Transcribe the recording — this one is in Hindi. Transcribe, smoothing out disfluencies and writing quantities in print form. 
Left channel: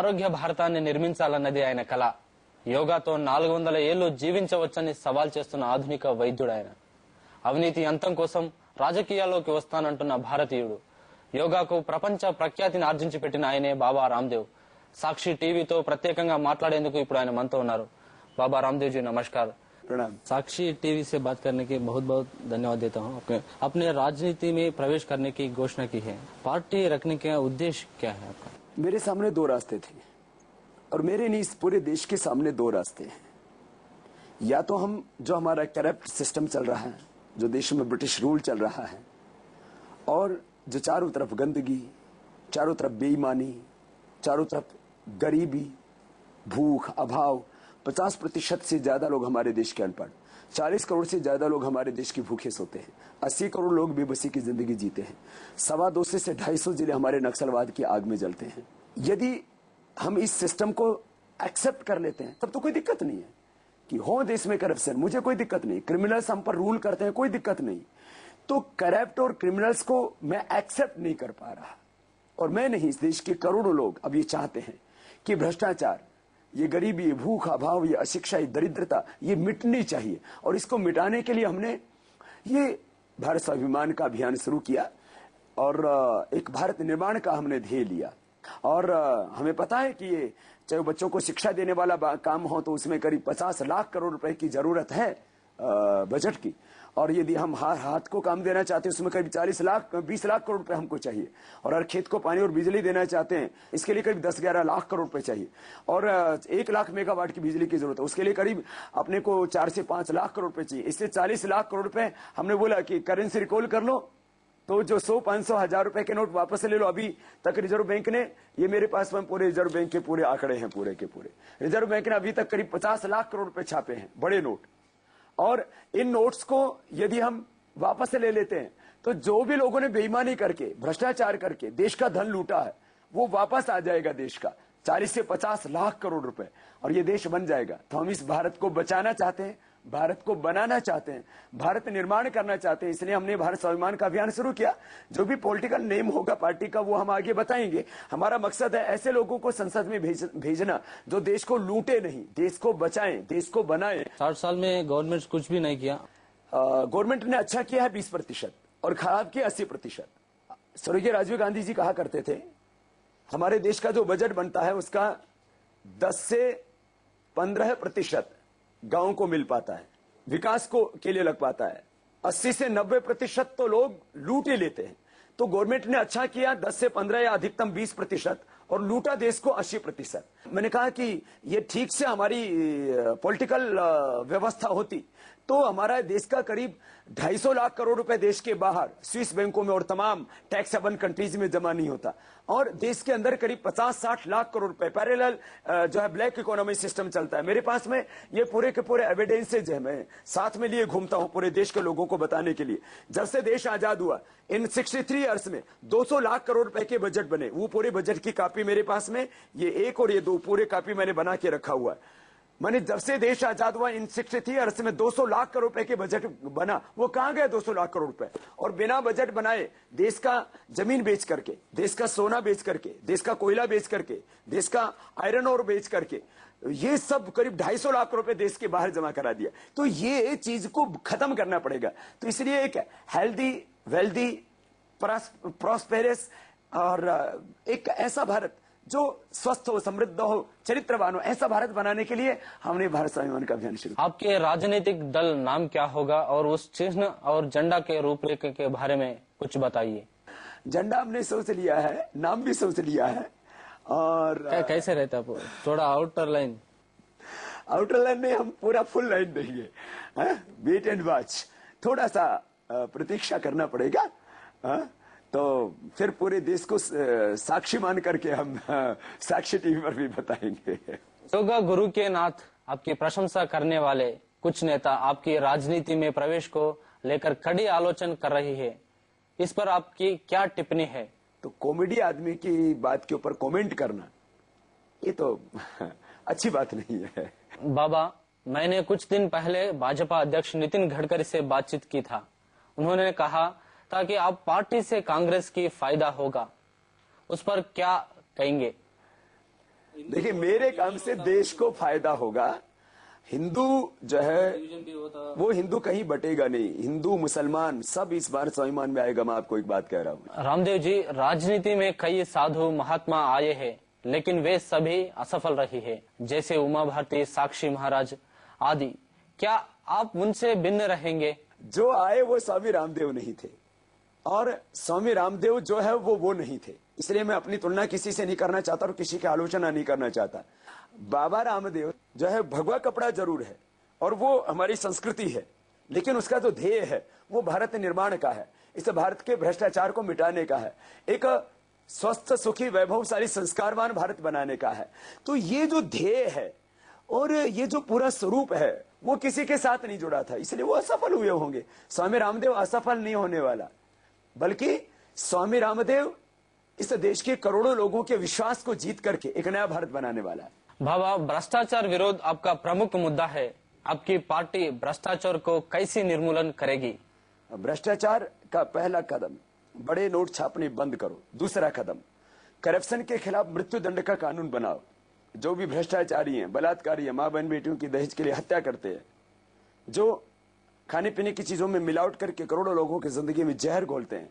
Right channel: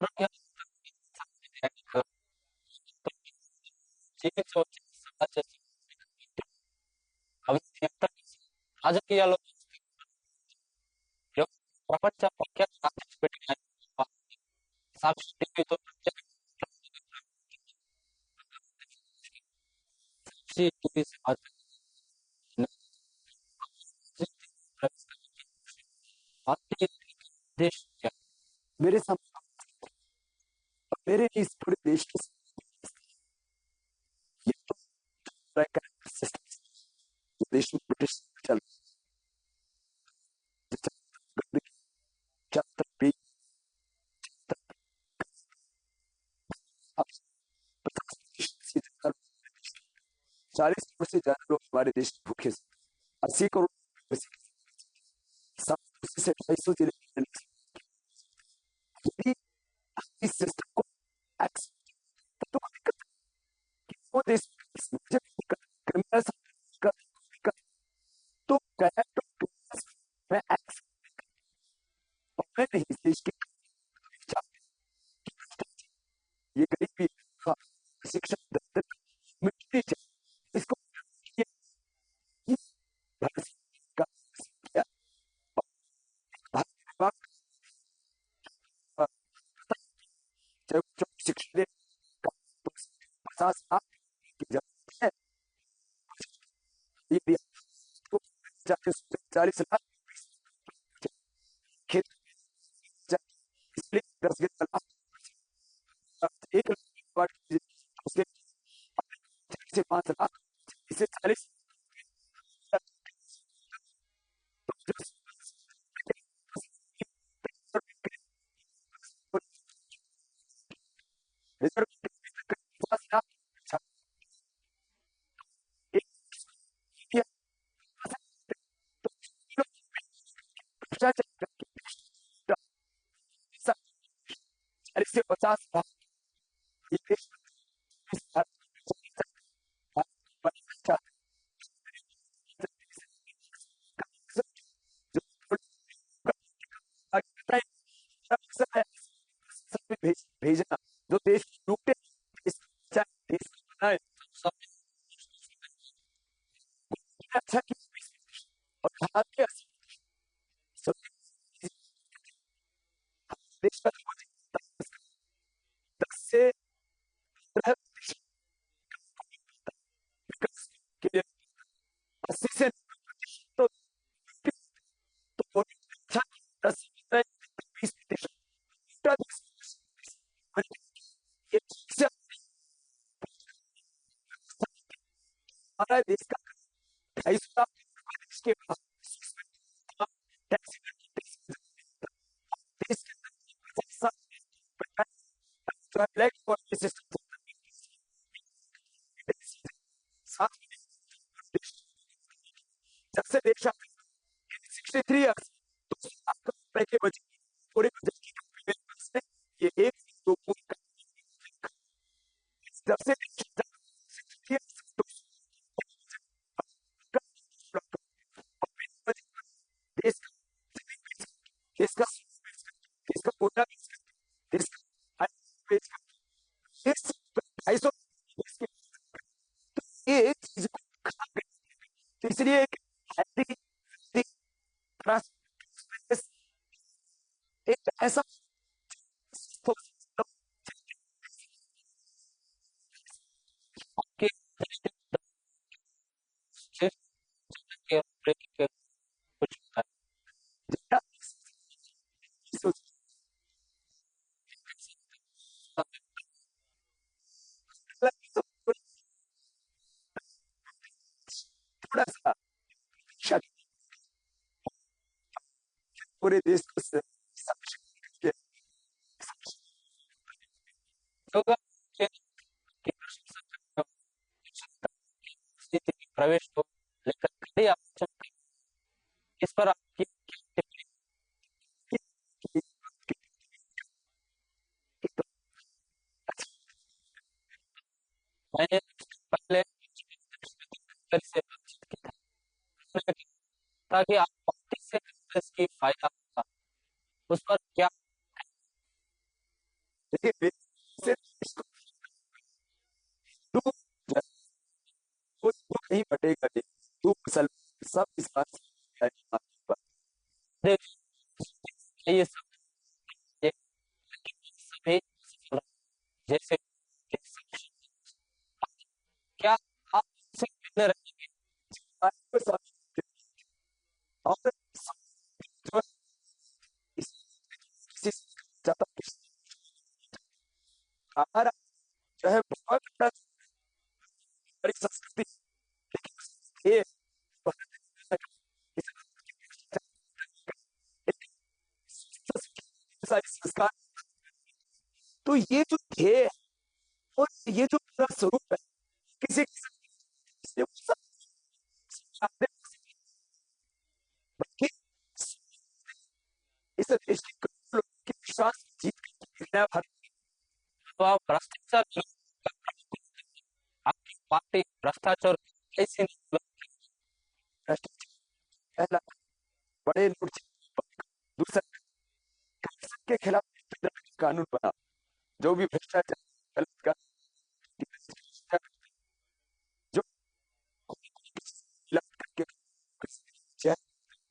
ఆరోగ్య భారతాన్ని నిర్మించాలన్నది ఆయన కళ. యోగాతో 400 ఏళ్లు జీవించవచ్చని సవాల్ చేస్తున్న ఆధునిక వైద్యుడు ఆయన. అవినీతి అంతం కోసం రాజకీయాల్లోకి వస్తానంటున్న భారతీయుడు. యోగాకు ప్రపంచ ప్రఖ్యాతిని ఆర్జించి పెట్టిన ఆయనే బాబా రామ్దేవ్. సాక్షి టీవీతో ప్రత్యేకంగా మాట్లాడేందుకు ఇప్పుడు ఆయన మనతో ఉన్నారు. बाबा रामदेव जी नमस्कार. प्रणाम. साक्षी टीवी से बात करने के बहुत बहुत धन्यवाद देता हूँ. आपने राजनीति में प्रवेश करने की घोषणा की है, पार्टी रखने का उद्देश्य क्या है आपका? मेरे सामने दो रास्ते थे और मेरे नहीं इस पूरे देश के सामने दो रास्ते हैं. या तो हम जो हमारा करप्ट सिस्टम चल रहा है, जो देश में ब्रिटिश रूल चल रहा है और जो चारों तरफ गंदगी, चारों तरफ बेईमानी, चारों तरफ गरीबी, भूख, अभाव, 50% से ज्यादा लोग हमारे देश के अनपढ़, 40 करोड़ से ज्यादा लोग हमारे देश की भूखे सोते हैं, 80 करोड़ लोग बेबसी की जिंदगी जीते हैं, 250 से 250 जिले हमारे नक्सलवाद की आग में जलते हैं. यदि हम इस सिस्टम को एक्सेप्ट कर लेते हैं तब तो कोई दिक्कत नहीं है कि हो देश में करप्शन, मुझे कोई दिक्कत नहीं. क्रिमिनल्स हम पर रूल करते हैं, कोई दिक्कत नहीं. तो करप्ट और क्रिमिनल्स को मैं एक्सेप्ट नहीं कर पा रहा और मैं नहीं, इस देश के करोड़ों लोग अब ये चाहते हैं कि भ्रष्टाचार, ये गरीबी, भूख, अभाव, ये अशिक्षा, ये दरिद्रता, ये मिटनी चाहिए. और इसको मिटाने के लिए हमने ये भारत स्वाभिमान का अभियान शुरू किया और एक भारत निर्माण का हमने ध्येय लिया. और हमें पता है कि ये चाहे बच्चों को शिक्षा देने वाला काम हो तो उसमें करीब 50 लाख करोड़ रुपए की जरूरत है बजट की. और यदि हम हाथ को काम देना चाहते हैं उसमें करीब 20 लाख करोड़ रुपए हमको चाहिए. और हर खेत को पानी और बिजली देना चाहते हैं इसके लिए करीब 10-11 लाख करोड़ रुपए चाहिए. और 1 लाख मेगावाट की बिजली की जरूरत है, उसके लिए करीब अपने को 4 से 5 लाख करोड़ रुपए चाहिए. इससे 40 लाख करोड़ रुपए हमने बोला कि करेंसी रिकॉल कर लो, तो जो 100, 500, 1000 रुपए के नोट वापस ले लो. अभी तक रिजर्व बैंक ने, ये मेरे पास में पूरे रिजर्व बैंक के पूरे आंकड़े हैं, पूरे के पूरे रिजर्व बैंक ने अभी तक करीब 50 लाख करोड़ रुपए छापे हैं, बड़े नोट. और इन नोट्स को यदि हम वापस ले लेते हैं तो जो भी लोगों ने बेईमानी करके, भ्रष्टाचार करके देश का धन लूटा है वो वापस आ जाएगा देश का 40 से 50 लाख करोड़ रुपए और ये देश बन जाएगा. तो हम इस भारत को बचाना चाहते हैं, भारत को बनाना चाहते हैं, भारत निर्माण करना चाहते हैं. इसलिए हमने भारत स्वाभिमान का अभियान शुरू किया. जो भी पॉलिटिकल नेम होगा पार्टी का वो हम आगे बताएंगे. हमारा मकसद है ऐसे लोगों को संसद में भेजना जो देश को लूटे नहीं, देश को बचाएं, देश को बनाएं. 60 साल में गवर्नमेंट कुछ भी नहीं किया. गवर्नमेंट ने अच्छा किया है 20% और खराब किया 80%. स्वर्गीय राजीव गांधी जी कहा करते थे हमारे देश का जो बजट बनता है उसका 10 से 15% गांव को मिल पाता है, विकास को के लिए लग पाता है. 80 से 90% तो लोग लूट ही लेते हैं. तो गवर्नमेंट ने अच्छा किया 10 से 15 या अधिकतम 20% और लूटा देश को 80%. मैंने कहा कि ये ठीक से हमारी पॉलिटिकल व्यवस्था होती तो हमारा देश का करीब 250 लाख करोड़ रुपए देश के बाहर स्विस बैंकों में और तमाम टैक्स हेवन कंट्रीज में जमा नहीं होता. और देश के अंदर करीब 50-60 लाख करोड़ रुपए पैरेलल जो है ब्लैक इकोनॉमी सिस्टम चलता है. मेरे पास में ये पूरे के पूरे एविडेंसेज है, मैं साथ में लिए घूमता हूं पूरे देश के लोगों को बताने के लिए. जब से देश आजाद हुआ इन 63 ईयर्स में 200 लाख करोड़ रुपए के बजट बने. वो पूरे बजट की कॉपी मेरे पास में, ये 1 और ये 2 पूरे कॉपी मैंने बना के रखा हुआ है. मैंने जब से देश आजाद हुआ इन 63 ईयर्स में 200 लाख करोड़ रुपए के बजट बना. वो कहां गए 200 लाख करोड़ रुपए? और बिना बजट बनाए देश का जमीन बेच करके, देश का सोना बेच करके, देश का कोयला बेच करके, देश का आयरन ओर बेच करके ये सब करीब 250 लाख रुपए देश के बाहर जमा करा दिया. तो ये चीज को खत्म करना पड़ेगा. तो इसलिए एक हेल्दी, वेल्दी, प्रॉस्पेरस और एक ऐसा भारत जो स्वस्थ हो, समृद्ध हो, चरित्रवान हो, ऐसा भारत बनाने के लिए हमने भारत स्वाभिमान का अभियान शुरू किया. आपके राजनीतिक दल नाम क्या होगा और उस चिन्ह और झंडा के रूपरेखा के बारे में कुछ बताइए. झंडा हमने सोच लिया है, नाम भी सोच लिया है. और कैसे रहता है थोड़ा आउटर लाइन? आउटर लाइन में हम पूरा फुल लाइन देंगे. वेट एंड वॉच, थोड़ा सा प्रतीक्षा करना पड़ेगा. तो फिर पूरे देश को साक्षी मान करके हम साक्षी टीवी पर भी बताएंगे. योगा गुरु के नाथ आपकी प्रशंसा करने वाले कुछ नेता आपकी राजनीति में प्रवेश को लेकर कड़ी आलोचना कर रही है. इस पर आपकी क्या टिप्पणी है? तो कॉमेडी आदमी की बात के ऊपर कमेंट करना ये तो अच्छी बात नहीं है. बाबा, मैंने कुछ दिन पहले भाजपा अध्यक्ष नितिन गडकरी से बातचीत की था. उन्होंने कहा ताकि आप पार्टी से कांग्रेस की फायदा होगा, उस पर क्या कहेंगे? देखिए, मेरे काम से देश को फायदा होगा। हिंदू जो है वो हिंदू कहीं बटेगा नहीं, हिंदू मुसलमान सब इस बार स्वाभिमान में आएगा। मैं आपको एक बात कह रहा हूँ। रामदेव जी, राजनीति में कई साधु महात्मा आए हैं, लेकिन वे सभी असफल रही है, जैसे उमा भारती, साक्षी महाराज आदि। क्या आप उनसे भिन्न रहेंगे? जो आए वो स्वामी रामदेव नहीं थे, और स्वामी रामदेव जो है वो नहीं थे। इसलिए मैं अपनी तुलना किसी से नहीं करना चाहता और किसी की आलोचना नहीं करना चाहता। बाबा रामदेव जो है भगवा कपड़ा जरूर है और वो हमारी संस्कृति है, लेकिन उसका जो ध्येय है वो भारत निर्माण का है, इस भारत के भ्रष्टाचार को मिटाने का है, एक स्वस्थ सुखी वैभवशाली संस्कारवान भारत बनाने का है। तो ये जो ध्येय है और ये जो पूरा स्वरूप है वो किसी के साथ नहीं जुड़ा था, इसलिए वो असफल हुए होंगे। स्वामी रामदेव असफल नहीं होने वाला, बल्कि स्वामी रामदेव इस देश के करोड़ों लोगों के विश्वास को जीत करके एक नया भारत बनाने वाला है। बाबा, भ्रष्टाचार विरोध आपका प्रमुख मुद्दा है। आपकी पार्टी भ्रष्टाचार को कैसे निर्मूलन करेगी? भ्रष्टाचार का पहला कदम बड़े नोट छापने बंद करो। दूसरा कदम करप्शन के खिलाफ मृत्यु दंड का कानून बनाओ। जो भी भ्रष्टाचारी हैं, बलात्कारी हैं, मां बहन बेटियों की दहेज के लिए हत्या करते हैं, जो खाने पीने की चीजों में मिलावट करके करोड़ों लोगों की जिंदगी में जहर घोलते हैं,